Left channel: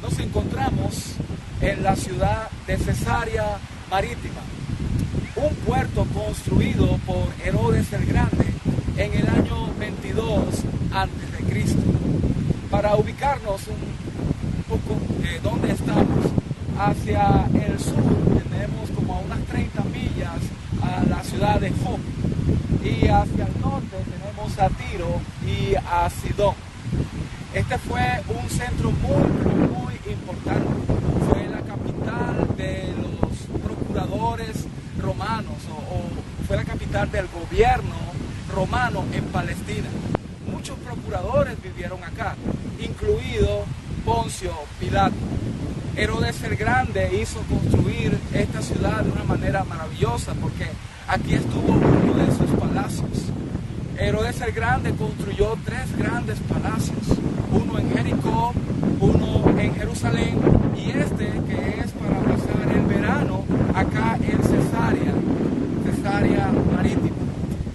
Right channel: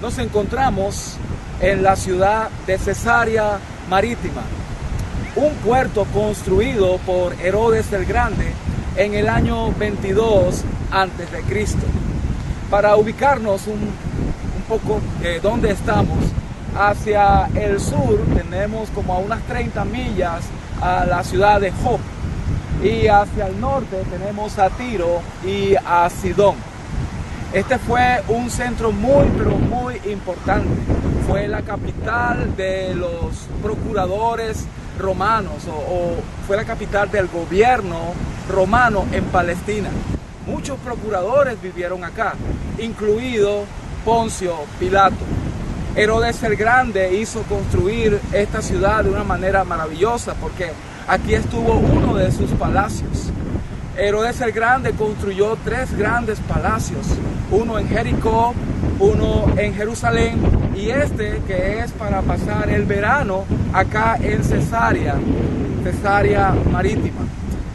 Nos encontramos en la ciudad de Cesarea Marítima, un puerto construido por Herodes el Grande en el año 22 a.C. Para ubicarnos un poco donde estamos, hacia el sur tenemos como a unas 30 millas a la ciudad de Jope, y hacia el norte tenemos a Tiro y a Sidón. Este fue un centro muy importante. Fue la capital de los procuradores romanos, o fue la capital del gobierno romano en Palestina. Muchos procuradores vivieron acá, incluido Poncio Pilato. Herodes el Grande hizo construir esta ciudad de una manera maravillosa, porque aquí estuvo uno de sus palacios. Herodes el Grande construyó 3 grandes palacios, uno en Jericó, uno en Jerusalén, y este que es para pasar el verano acá en Cesarea Marítima.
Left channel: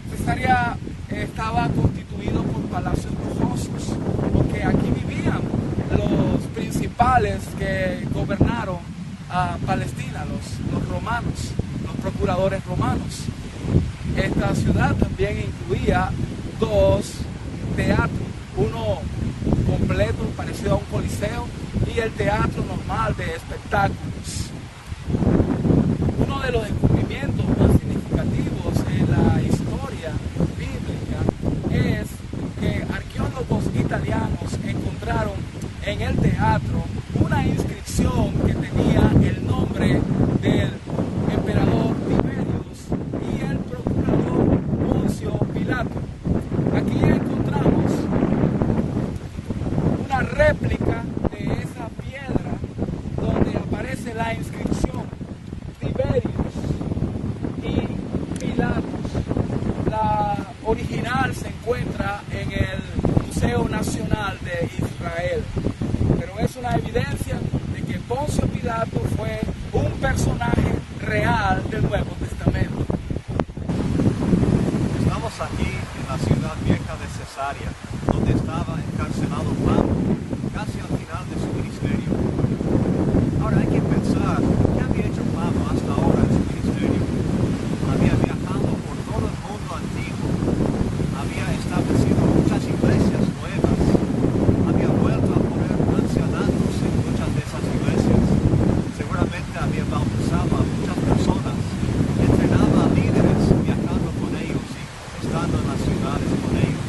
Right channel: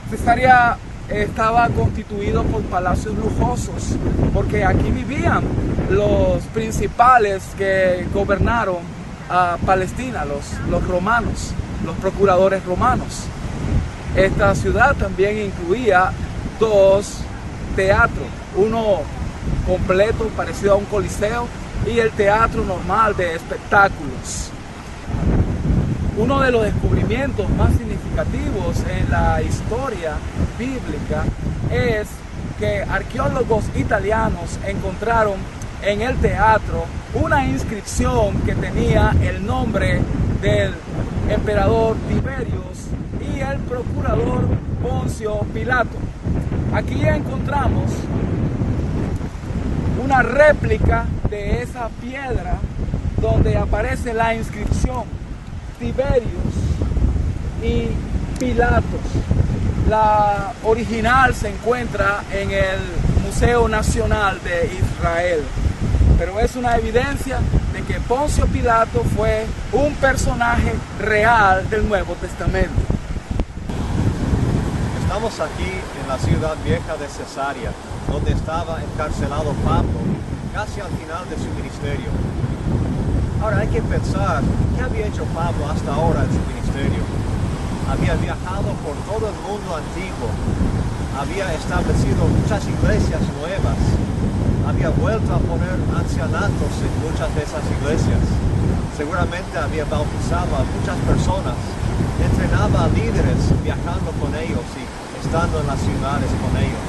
Cesarea estaba constituido por palacios lujosos, porque aquí vivían los principales que gobernaron a Palestina, los romanos, los procuradores romanos. Esta ciudad también incluía 2 teatros, uno completo parecido a un coliseo y el teatro normal de espectáculos. Uno de los descubrimientos más significativos en la historia bíblica es que arqueólogos italianos encontraron en el teatro una inscripción que tenía el nombre del emperador Tiberius y el procurador Poncio Pilato. Aquí encontramos una réplica de esa piedra donde aparece la inscripción Tiberius y Pilatos. La original se encuentra en el Museo Nacional de Israel, pero es una evidencia de que Poncio Pilato fue un personaje real del Nuevo Testamento. Estamos aquí en la ciudad vieja de Cesarea, donde estaba encarcelado Pablo, casi al final de su ministerio. Ahora hay que pensar, ¿qué había hecho Pablo hasta ahora en su ministerio? Había viajado por todo el mundo antiguo, había establecido muchas iglesias nuevas, había vuelto a poner ancianatos en muchas de esas iglesias, seguramente había bautizado a muchas personas, entrenaba a líderes viajando con ellos y estando en las ciudades con ellos.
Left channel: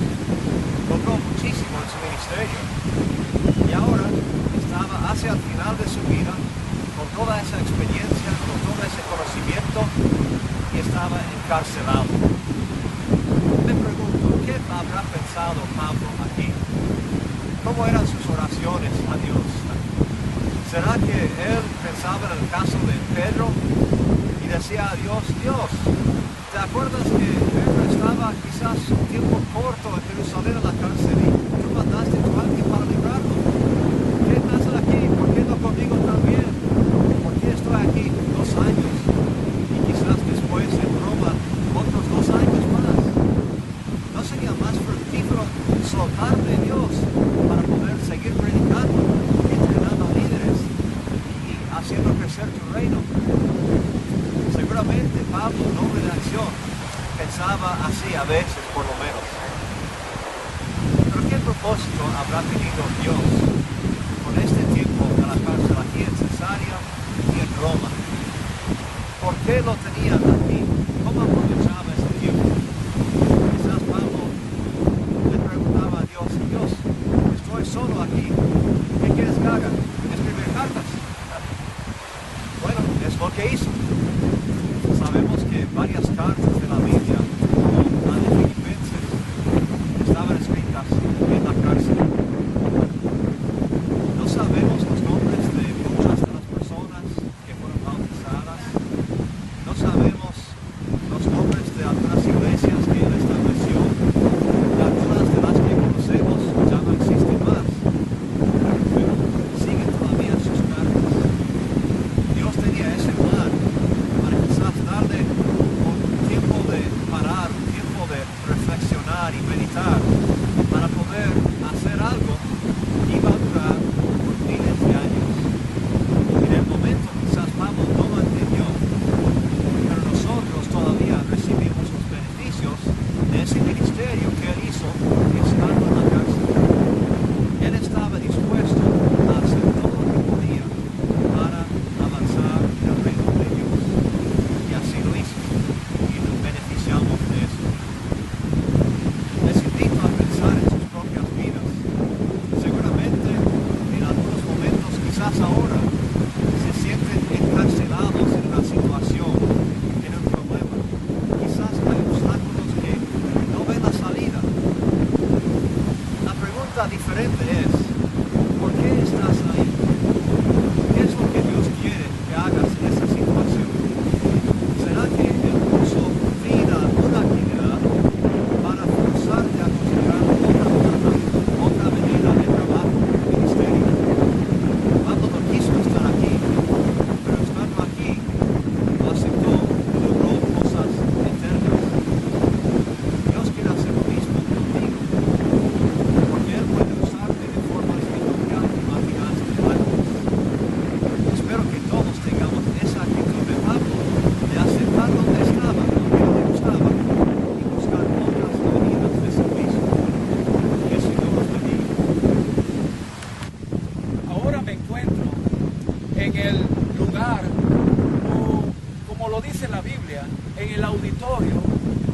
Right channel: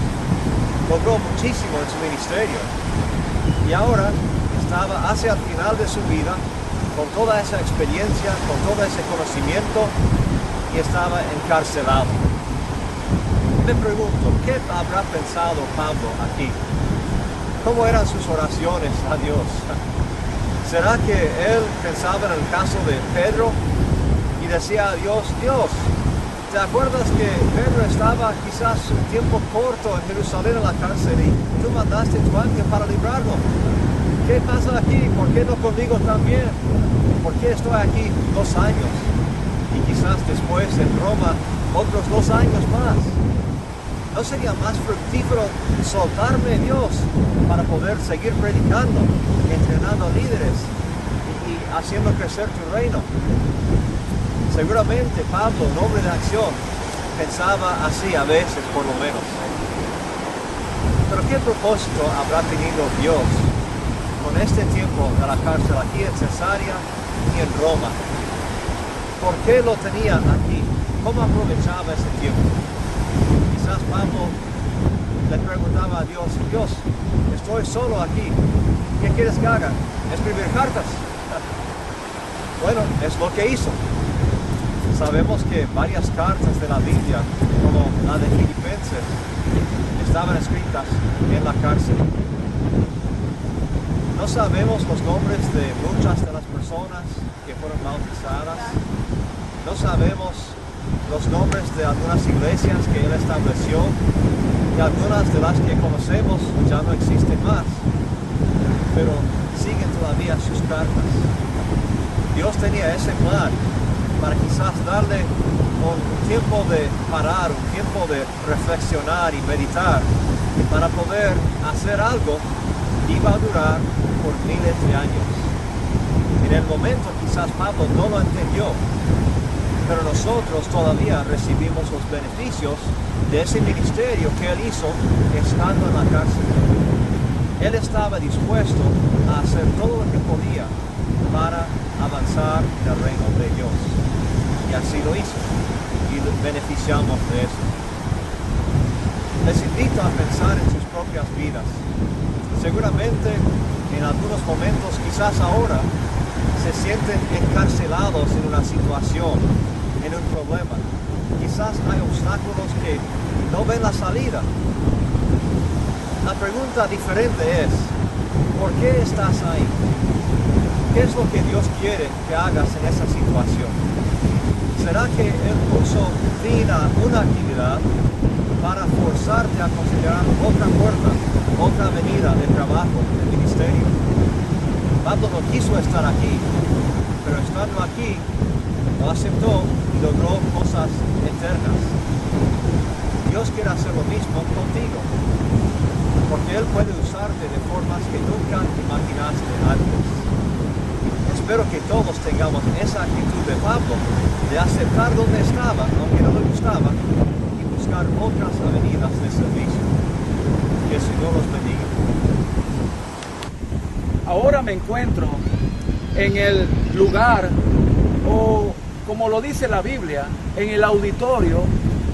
Logró muchísimo en su ministerio y ahora estaba hacia el final de su vida con toda esa experiencia, con todo ese conocimiento, y estaba encarcelado. Me pregunto, ¿qué habrá pensado Pablo aquí? ¿Cómo eran sus oraciones a Dios? ¿Será que él pensaba en el caso de Pedro y decía a Dios, Dios, ¿te acuerdas que Pedro estaba quizás un tiempo corto en Jerusalén en la cárcel y tú mandaste tu ángel para librarlo? ¿Qué pasa aquí? ¿Por qué no conmigo también? ¿Por qué estoy aquí 2 años? Y quizás después en Roma otros 2 años más. ¿No sería más fructífero soltarme, Dios, para poder seguir predicando, entrenando líderes y haciendo crecer tu reino? Seguramente Pablo, en hombre de acción, pensaba así a veces, por lo menos. Pero ¿qué propósito habrá tenido Dios con este tiempo de la cárcel aquí en Cesarea y en Roma? ¿Por qué lo tenía aquí? ¿Cómo aprovechaba ese tiempo? Quizás Pablo le preguntaba a Dios, Dios, estoy solo aquí, ¿qué quieres que haga? ¿Escribir cartas? Bueno, es lo que hizo. Sabemos que varias cartas de la Biblia, como la de Filipenses, estaban escritas en la cárcel. No sabemos los nombres de muchas de las personas que fueron bautizadas. No sabemos los nombres de algunas iglesias que él estableció, y algunas de las que conocemos ya no existen más, pero siguen todavía sus cartas. Dios tenía ese plan para quizás darle un tiempo de parar, un tiempo de reflexionar y meditar, para poder hacer algo que iba a durar por miles de años. En el momento quizás Pablo no lo entendió, pero nosotros todavía recibimos los beneficios de ese ministerio que él hizo estando en la cárcel. Él estaba dispuesto a hacer todo lo que podía para avanzar en el reino de Dios. Y así lo hizo. Y nos beneficiamos de eso. Les invito a pensar en sus propias vidas. Seguramente en algunos momentos, quizás ahora, se sienten encarcelados en una situación, en un problema. Quizás hay obstáculos que no ven la salida. La pregunta diferente es, ¿por qué estás ahí? ¿Qué es lo que Dios quiere que hagas en esa situación? ¿Será que Él puso fin a una actividad para forzarte a considerar otra puerta, otra avenida de trabajo, de ministerio? Pablo no quiso estar aquí, pero estando aquí, lo aceptó y logró cosas eternas. Dios quiere hacer lo mismo contigo, porque Él puede usarte de formas que nunca imaginaste antes. Espero que todos tengamos esa actitud de Pablo, de aceptar donde estaba, aunque no le gustaba, y buscar otras avenidas de servicio. Que el Señor los bendiga. Ahora me encuentro en el lugar, o como lo dice la Biblia, en el auditorio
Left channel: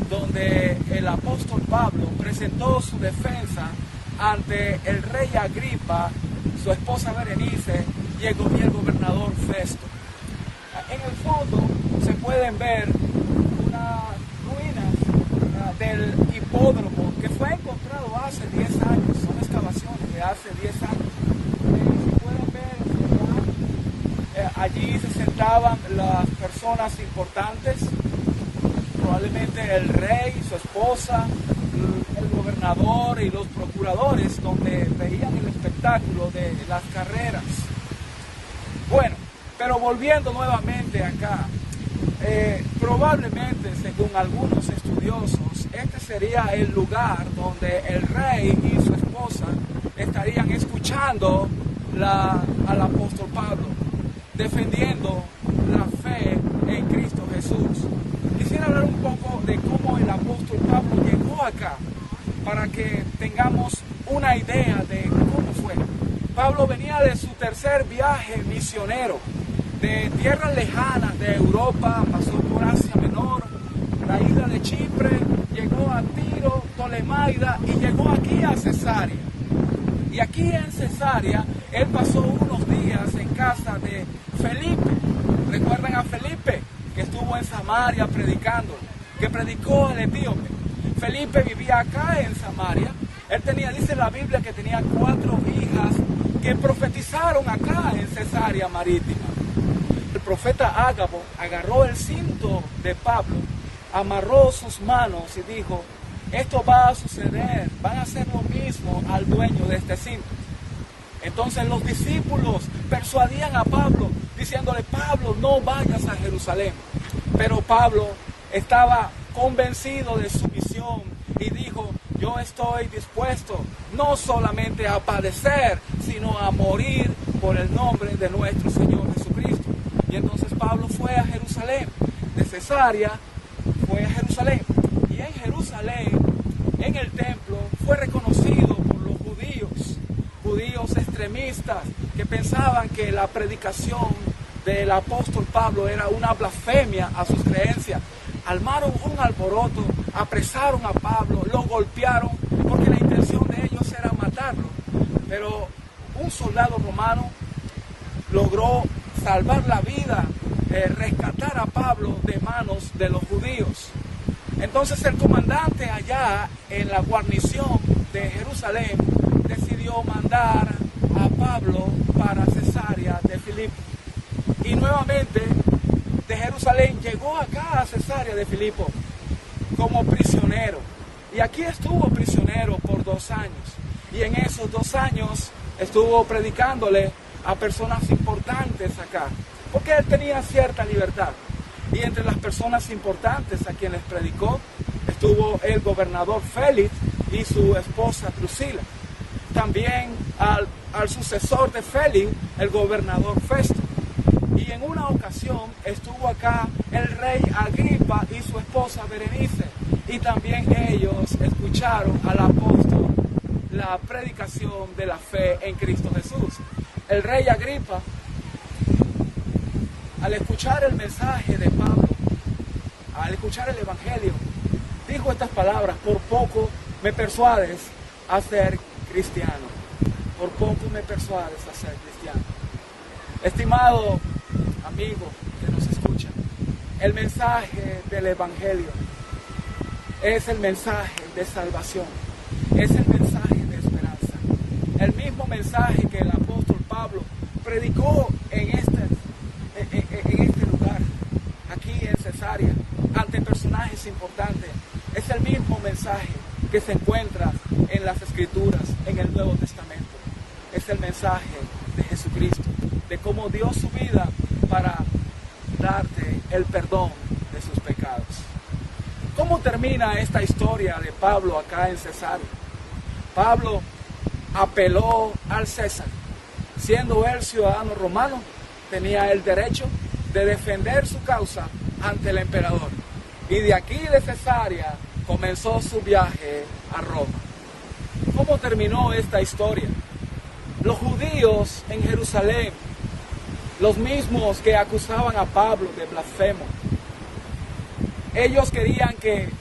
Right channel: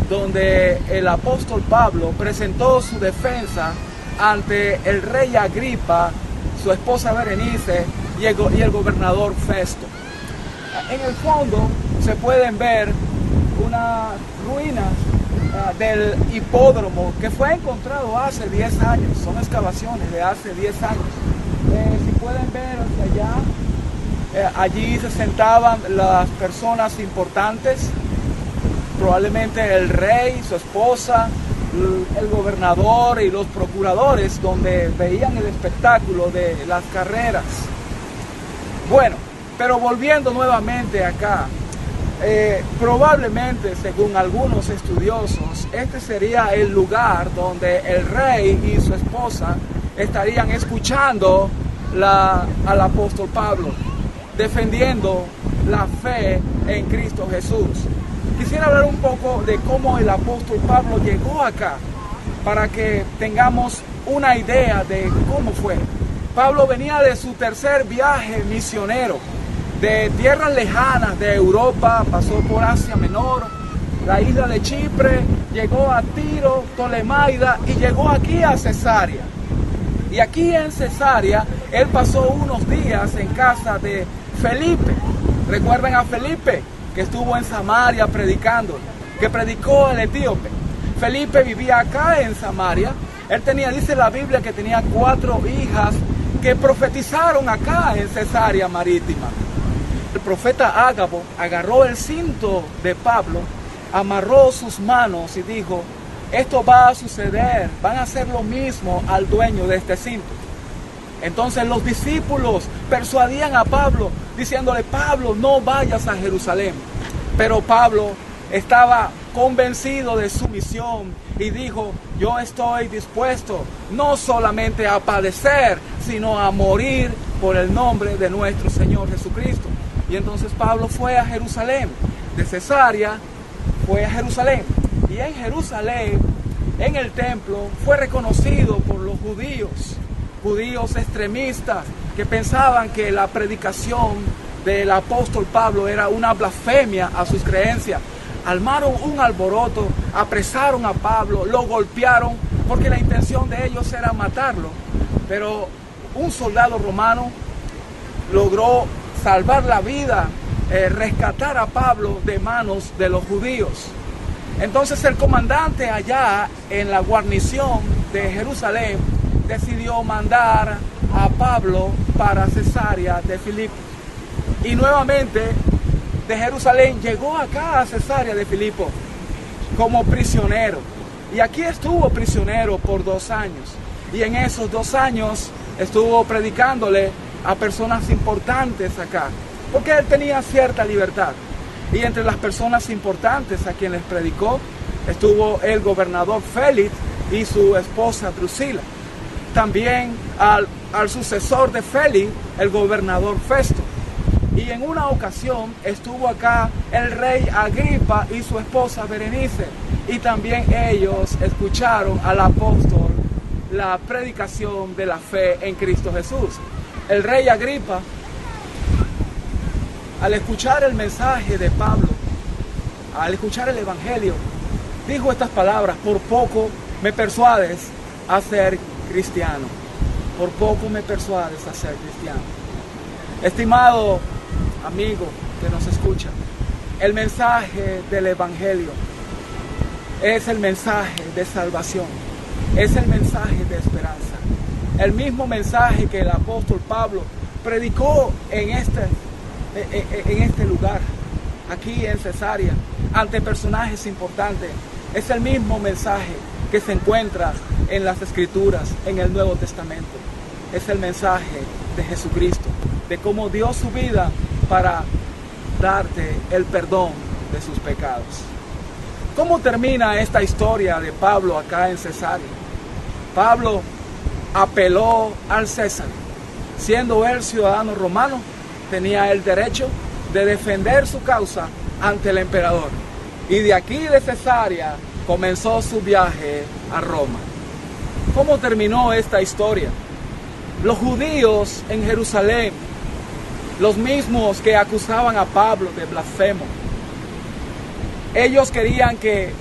donde el apóstol Pablo presentó su defensa ante el rey Agripa, su esposa Berenice y el gobernador Festo. En el fondo se pueden ver unas ruinas del hipódromo que fue encontrado hace 10 años, son excavaciones de hace 10 años. Si pueden ver hacia allá, allí se sentaban las personas importantes, probablemente el rey, su esposa, el gobernador y los procuradores, donde veían el espectáculo de las carreras. Bueno, pero volviendo nuevamente acá, probablemente, según algunos estudiosos, este sería el lugar donde el rey y su esposa estarían escuchando al apóstol Pablo, defendiendo la fe en Cristo Jesús. Quisiera hablar un poco de cómo el apóstol Pablo llegó acá, para que tengamos una idea de cómo fue. Pablo venía de su tercer viaje misionero, de tierras lejanas de Europa, pasó por Asia Menor, la isla de Chipre, llegó a Tiro, Tolemaida y llegó aquí a Cesarea. Y aquí en Cesarea, él pasó unos días en casa de Felipe. ¿Recuerdan a Felipe? Que estuvo en Samaria predicando, que predicó al etíope. Felipe vivía acá en Samaria. Él tenía, dice la Biblia, que tenía 4 hijas que profetizaron acá en Cesarea Marítima. El profeta Ágabo agarró el cinto de Pablo, amarró sus manos y dijo: esto va a suceder, van a hacer lo mismo al dueño de este cinto. Entonces los discípulos persuadían a Pablo, diciéndole: Pablo, no vayas a Jerusalén. Pero Pablo estaba convencido de su misión y dijo: yo estoy dispuesto no solamente a padecer, sino a morir por el nombre de nuestro Señor Jesucristo. Y entonces Pablo fue a Jerusalén, de Cesarea fue a Jerusalén. Y en Jerusalén, en el templo, fue reconocido por los judíos extremistas que pensaban que la predicación del apóstol Pablo era una blasfemia a sus creencias. Armaron un alboroto, apresaron a Pablo, lo golpearon, porque la intención de ellos era matarlo. Pero un soldado romano logró salvar la vida, rescatar a Pablo de manos de los judíos. Entonces el comandante allá en la guarnición de Jerusalén decidió mandar a Pablo para Cesarea de Filipo. Y nuevamente de Jerusalén llegó acá a Cesarea de Filipo como prisionero. Y aquí estuvo prisionero por 2 años. Y en esos 2 años estuvo predicándole a personas importantes acá, porque él tenía cierta libertad. Y entre las personas importantes a quienes predicó estuvo el gobernador Félix y su esposa Drusila. también al sucesor de Félix, el gobernador Festo. Y en una ocasión estuvo acá el rey Agripa y su esposa Berenice. Y también ellos escucharon al apóstol la predicación de la fe en Cristo Jesús. El rey Agripa, al escuchar el mensaje de Pablo, al escuchar el evangelio, dijo estas palabras: por poco me persuades a ser cristiano. Por poco me persuades a ser cristiano. Estimado amigo que nos escucha, el mensaje del evangelio es el mensaje de salvación, es el mensaje de esperanza. El mismo mensaje que el apóstol Pablo predicó en este lugar, aquí en Cesarea, ante personajes importantes. Es el mismo mensaje que se encuentra en las Escrituras, en el Nuevo Testamento. Es el mensaje de Jesucristo, de cómo dio su vida para darte el perdón de sus pecados. ¿Cómo termina esta historia de Pablo acá en Cesarea? Pablo apeló al César. Siendo él ciudadano romano, tenía el derecho de defender su causa ante el emperador. Y de aquí de Cesarea comenzó su viaje a Roma. ¿Cómo terminó esta historia? Los judíos en Jerusalén, los mismos que acusaban a Pablo de blasfemo, ellos querían que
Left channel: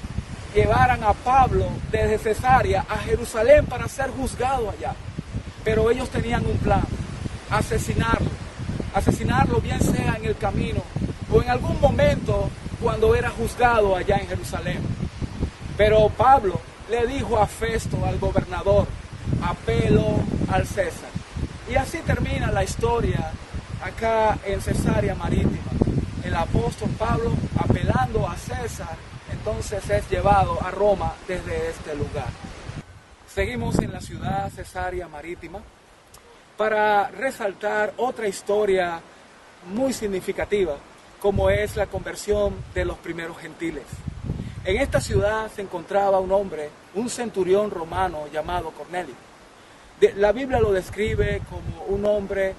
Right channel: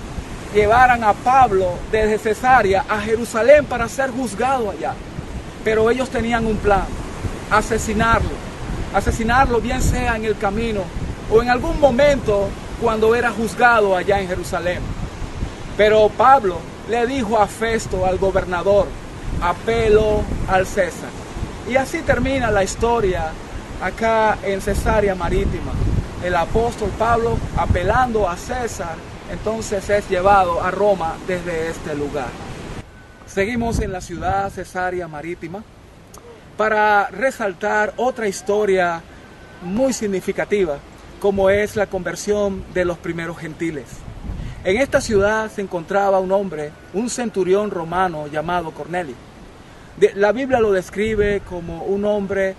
llevaran a Pablo desde Cesarea a Jerusalén para ser juzgado allá. Pero ellos tenían un plan: asesinarlo bien sea en el camino o en algún momento cuando era juzgado allá en Jerusalén. Pero Pablo le dijo a Festo, al gobernador: apelo al César. Y así termina la historia acá en Cesarea Marítima. El apóstol Pablo, apelando a César, entonces es llevado a Roma desde este lugar. Seguimos en la ciudad Cesarea Marítima para resaltar otra historia muy significativa, como es la conversión de los primeros gentiles. En esta ciudad se encontraba un hombre, un centurión romano llamado Cornelio. La Biblia lo describe como un hombre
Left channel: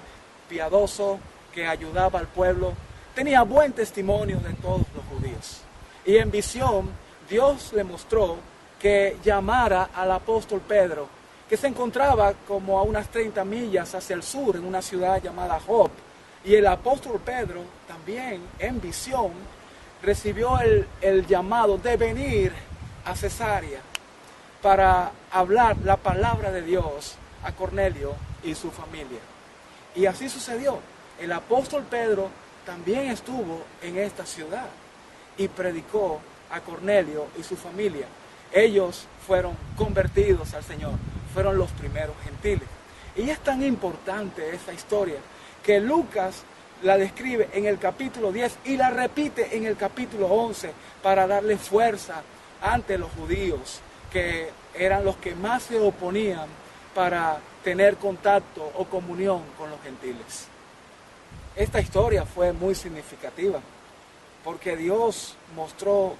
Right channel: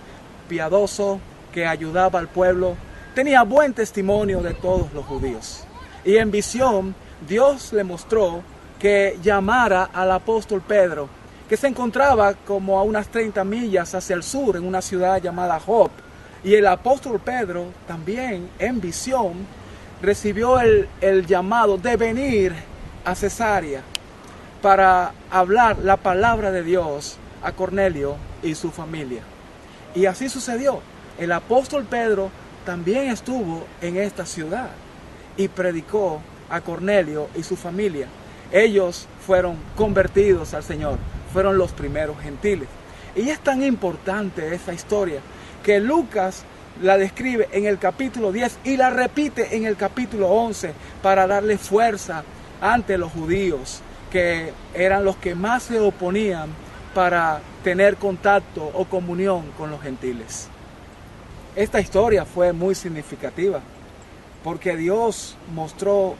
piadoso que ayudaba al pueblo, tenía buen testimonio de todos los judíos. Y en visión, Dios le mostró que llamara al apóstol Pedro, que se encontraba como a unas 30 millas hacia el sur, en una ciudad llamada Job. Y el apóstol Pedro también en visión recibió el llamado de venir a Cesarea para hablar la palabra de Dios a Cornelio y su familia. Y así sucedió. El apóstol Pedro también estuvo en esta ciudad y predicó a Cornelio y su familia. Ellos fueron convertidos al Señor, fueron los primeros gentiles. Y es tan importante esta historia que Lucas la describe en el capítulo 10 y la repite en el capítulo 11 para darle fuerza ante los judíos, que eran los que más se oponían para tener contacto o comunión con los gentiles. Esta historia fue muy significativa porque Dios mostró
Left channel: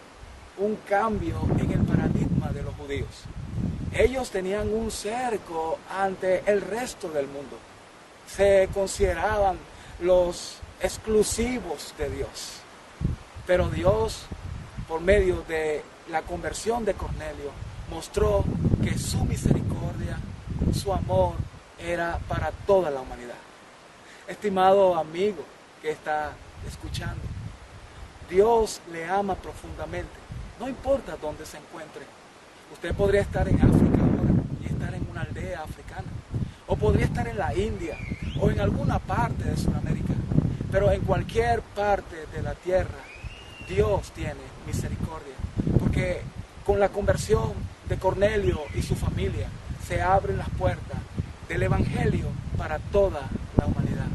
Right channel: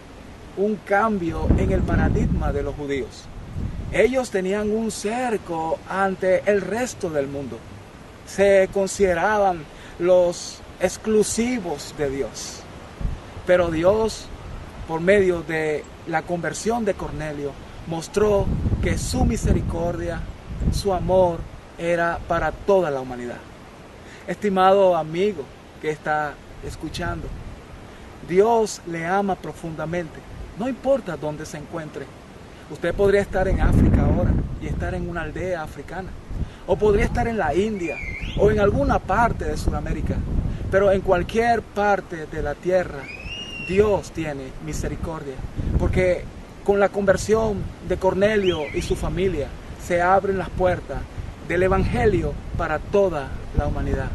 un cambio en el paradigma de los judíos. Ellos tenían un cerco ante el resto del mundo. Se consideraban los exclusivos de Dios. Pero Dios, por medio de la conversión de Cornelio, mostró que su misericordia, su amor, era para toda la humanidad. Estimado amigo que está escuchando, Dios le ama profundamente, no importa dónde se encuentre. Usted podría estar en África ahora y estar en una aldea africana, o podría estar en la India o en alguna parte de Sudamérica, pero en cualquier parte de la tierra Dios tiene misericordia, porque con la conversión de Cornelio y su familia se abren las puertas del Evangelio para toda la humanidad.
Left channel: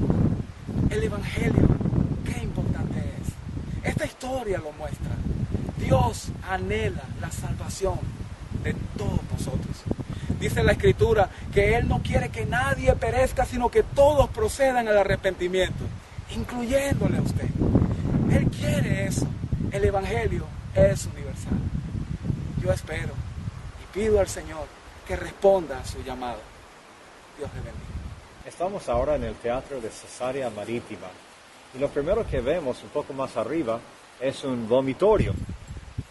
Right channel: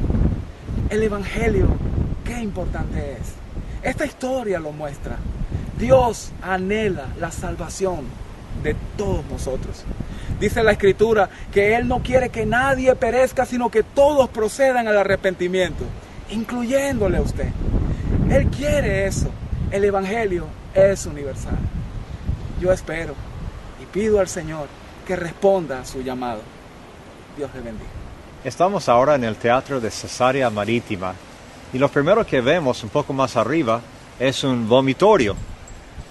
El Evangelio, qué importante es. Esta historia lo muestra. Dios anhela la salvación de todos nosotros. Dice la Escritura que Él no quiere que nadie perezca, sino que todos procedan al arrepentimiento, incluyéndole a usted. Él quiere eso. El Evangelio es universal. Yo espero y pido al Señor que responda a su llamado. Dios le bendiga. Estamos ahora en el Teatro de Cesarea Marítima y lo primero que vemos un poco más arriba es un vomitorio.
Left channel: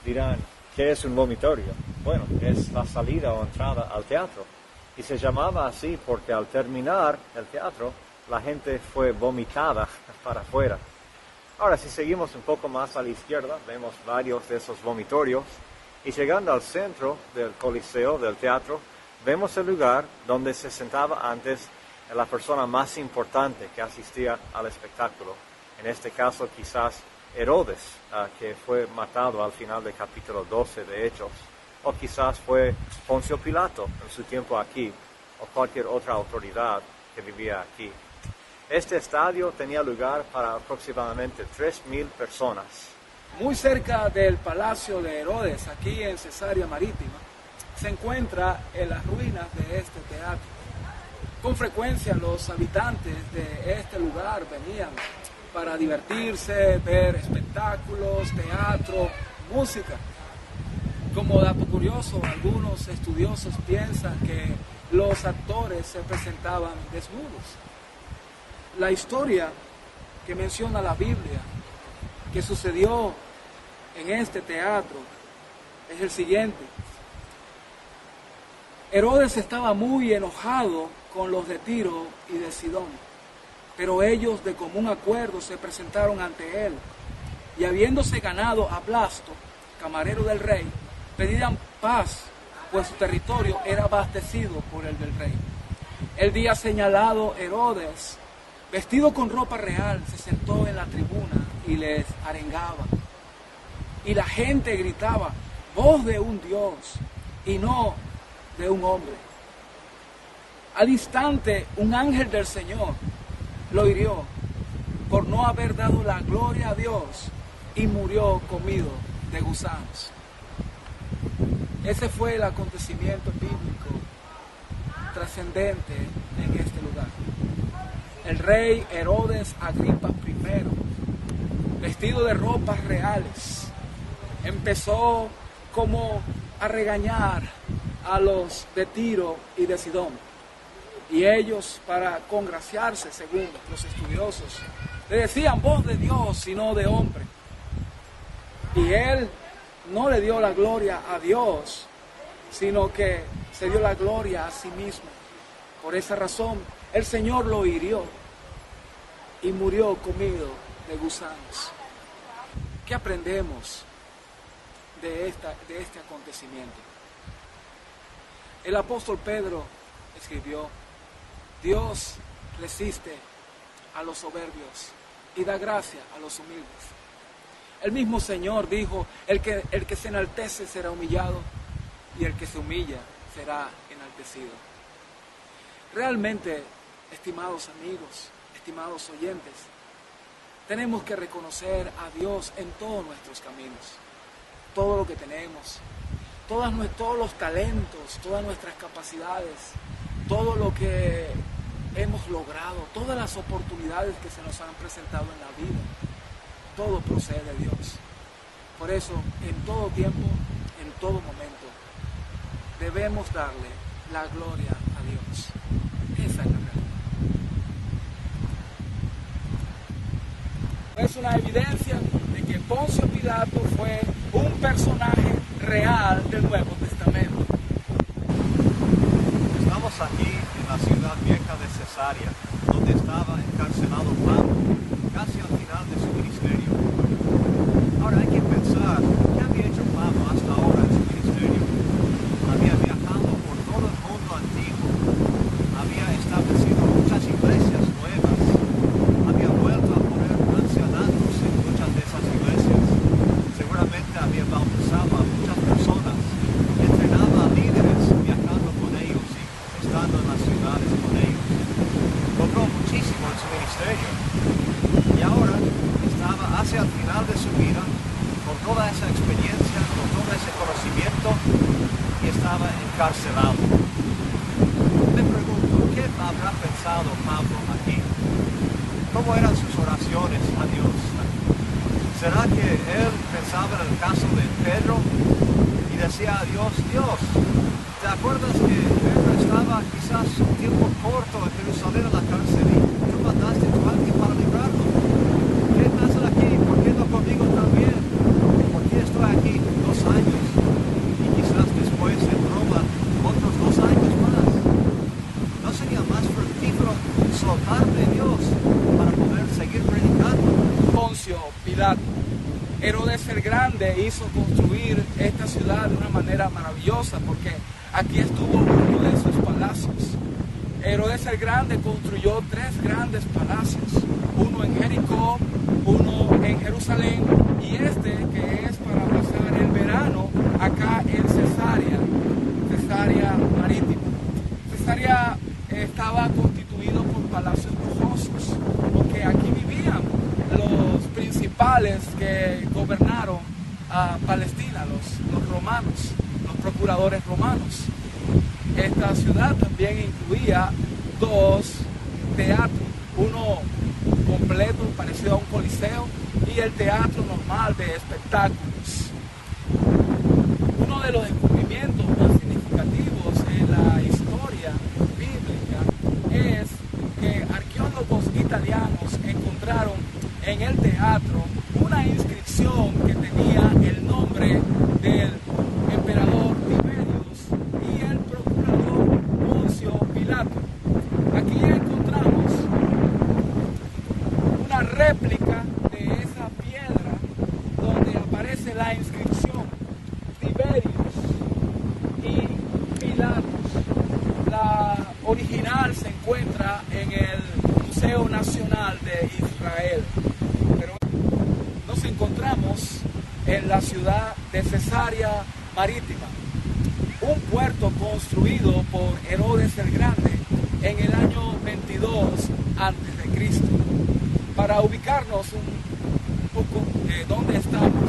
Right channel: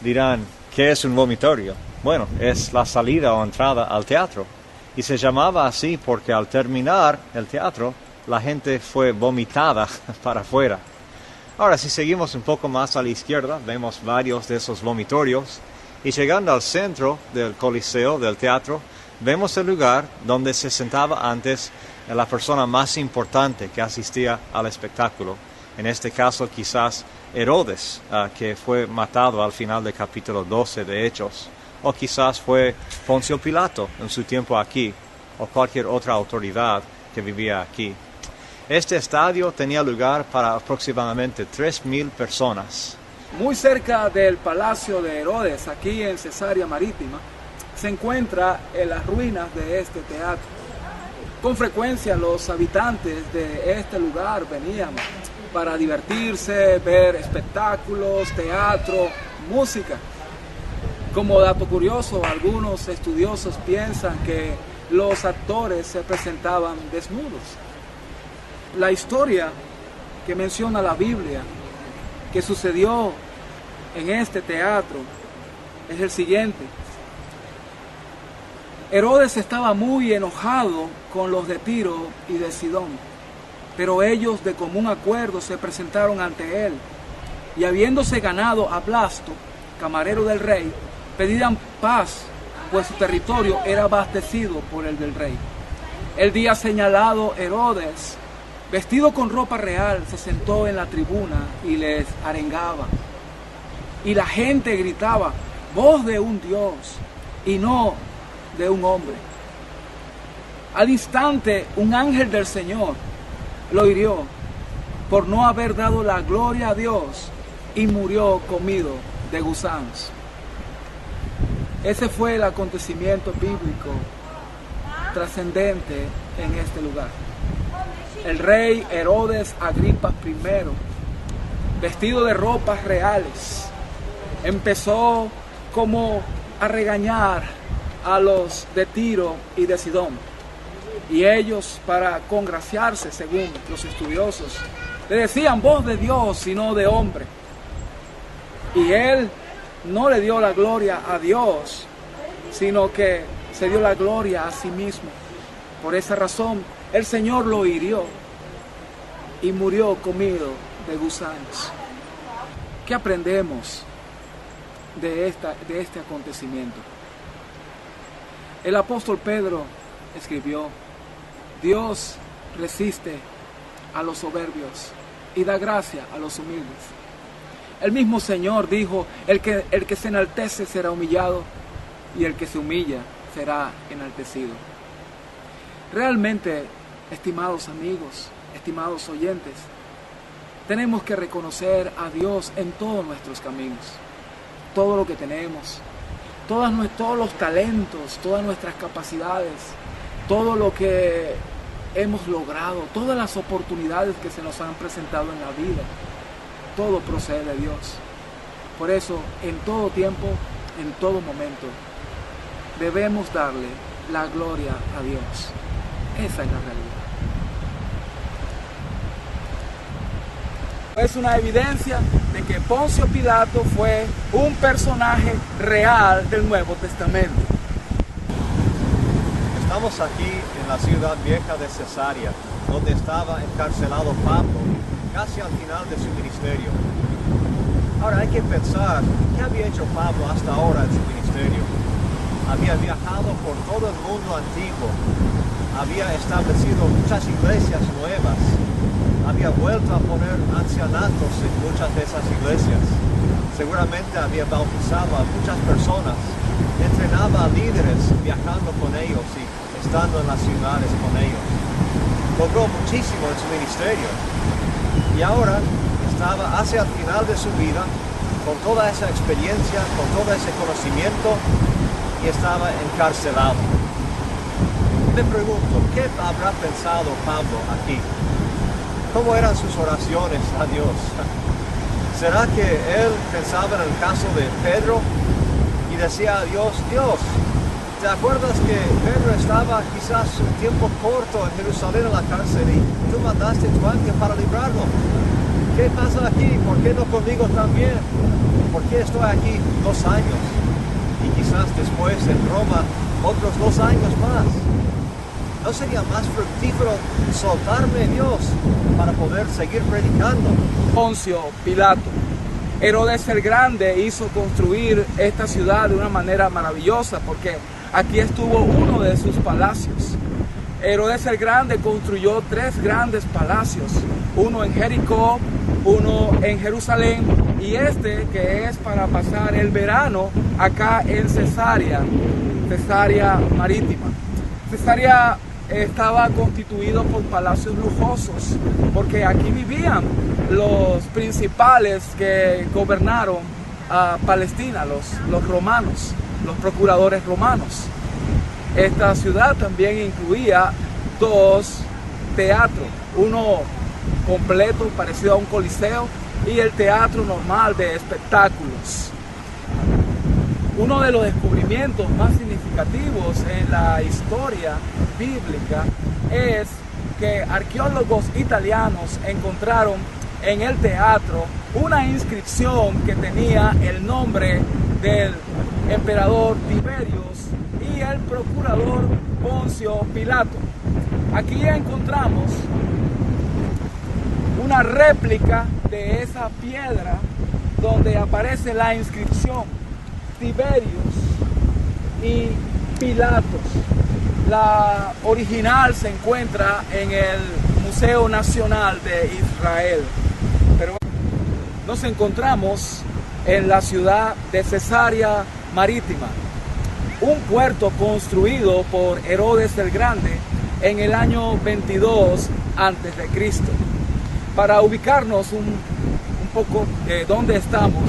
Dirán, ¿qué es un vomitorio? Bueno, es la salida o entrada al teatro y se llamaba así porque al terminar el teatro la gente fue vomitada para afuera. Ahora, si seguimos un poco más a la izquierda, vemos varios de esos vomitorios y llegando al centro del coliseo, del teatro, vemos el lugar donde se sentaba antes la persona más importante que asistía al espectáculo. En este caso, quizás Herodes, que fue matado al final del capítulo 12 de Hechos, o quizás fue Poncio Pilato en su tiempo aquí, o cualquier otra autoridad que vivía aquí. Este estadio tenía lugar para aproximadamente 3,000 personas. Muy cerca del palacio de Herodes, aquí en Cesarea Marítima, se encuentra en las ruinas de este teatro. Con frecuencia los habitantes de este lugar venían para divertirse, ver espectáculos, teatro, música. Como dato curioso, algunos estudiosos piensan que los actores se presentaban desnudos. La historia que menciona la Biblia que sucedió en este teatro es el siguiente. Herodes estaba muy enojado con los de Tiro y de Sidón, pero ellos de común acuerdo se presentaron ante él y habiéndose ganado a Blasto, camarero del rey, pedían paz, pues su territorio era abastecido por el del rey. El día señalado, Herodes, vestido con ropa real, se sentó en la tribuna y les arengaba. Y la gente gritaba, voz de un Dios y no de un hombre. Al instante, un ángel del Señor lo hirió por no haber dado la gloria a Dios y murió comido de gusanos. Ese fue el acontecimiento bíblico trascendente en este lugar. El rey Herodes Agripa I, vestido de ropas reales, empezó como a regañar a los de Tiro y de Sidón. Y ellos, para congraciarse, según los estudiosos, le decían voz de Dios y no de hombre. Y él no le dio la gloria a Dios, sino que se dio la gloria a sí mismo. Por esa razón, el Señor lo hirió y murió comido de gusanos. ¿Qué aprendemos de este acontecimiento? El apóstol Pedro escribió, Dios resiste a los soberbios y da gracia a los humildes. El mismo Señor dijo, el que se enaltece será humillado y el que se humilla será enaltecido. Realmente, estimados amigos, estimados oyentes, tenemos que reconocer a Dios en todos nuestros caminos, todo lo que tenemos, todos los talentos, todas nuestras capacidades, todo lo que hemos logrado, todas las oportunidades que se nos han presentado en la vida, todo procede de Dios. Por eso, en todo tiempo, en todo momento, debemos darle la gloria a Dios. Esa es la realidad. Es una evidencia de que Poncio Pilato fue un personaje real del Nuevo Testamento. Estamos aquí en la ciudad vieja de Cesarea, donde estaba encarcelado Pablo, casi al final de su ministerio. Ahora hay que pensar, ¿qué había hecho Pablo hasta ahora en su ministerio? Había viajado por todo el mundo antiguo, había establecido muchas iglesias nuevas, había vuelto a poner ancianatos en muchas de esas iglesias, seguramente había bautizado a muchas personas, entrenaba a líderes viajando con ellos y estando en las ciudades con ellos. Logró muchísimo en su ministerio y ahora estaba hacia el final de su vida con toda esa experiencia, con todo ese conocimiento y estaba encarcelado. Me pregunto, ¿qué habrá pensado Pablo aquí? ¿Cómo eran sus oraciones a Dios? ¿Será que él pensaba en el caso de Pedro y decía a Dios, Dios, te ¿Te acuerdas que Pedro estaba quizás un tiempo corto en Jerusalén en la cárcel y tú mandaste tu ángel para librarlo? ¿Qué pasa aquí? ¿Por qué no conmigo también? ¿Por qué estoy aquí 2 años? Y quizás después en Roma otros 2 años más. ¿No sería más fructífero soltarme, Dios, para poder seguir predicando? Poncio Pilato. Herodes el Grande hizo construir esta ciudad de una manera maravillosa porque aquí estuvo uno de sus palacios. Herodes el Grande construyó 3 grandes palacios, uno en Jericó, uno en Jerusalén y este que es para pasar el verano acá en Cesarea Marítima. Cesarea estaba constituido por palacios lujosos, porque aquí vivían los principales que gobernaron a Palestina, los romanos, los procuradores romanos. Esta ciudad también incluía 2 teatros, uno completo parecido a un coliseo y el teatro normal de espectáculos. Uno de los descubrimientos más significativos en la historia bíblica es que arqueólogos italianos encontraron en el teatro una inscripción que tenía el nombre del emperador Tiberius y el procurador Poncio Pilato. Aquí encontramos una réplica de esa piedra donde aparece la inscripción Tiberius y Pilatos. La original se encuentra en el Museo Nacional de Israel. Pero nos encontramos en la ciudad de Cesarea Marítima, un puerto construido por Herodes el Grande en el año 22 a.C. Para ubicarnos un poco de dónde estamos,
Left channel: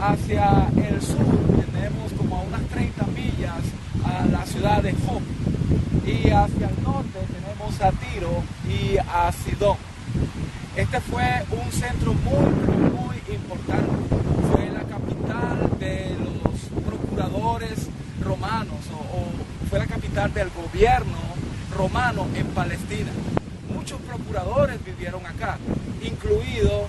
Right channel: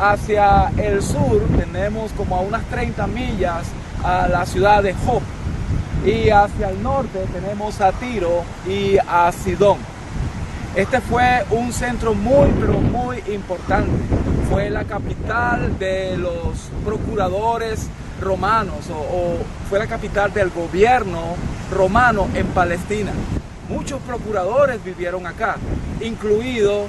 hacia el sur tenemos como a unas 30 millas a la ciudad de Jope y hacia el norte tenemos a Tiro y a Sidón. Este fue un centro muy importante, fue la capital de los procuradores romanos o fue la capital del gobierno romano en Palestina. Muchos procuradores vivieron acá, incluido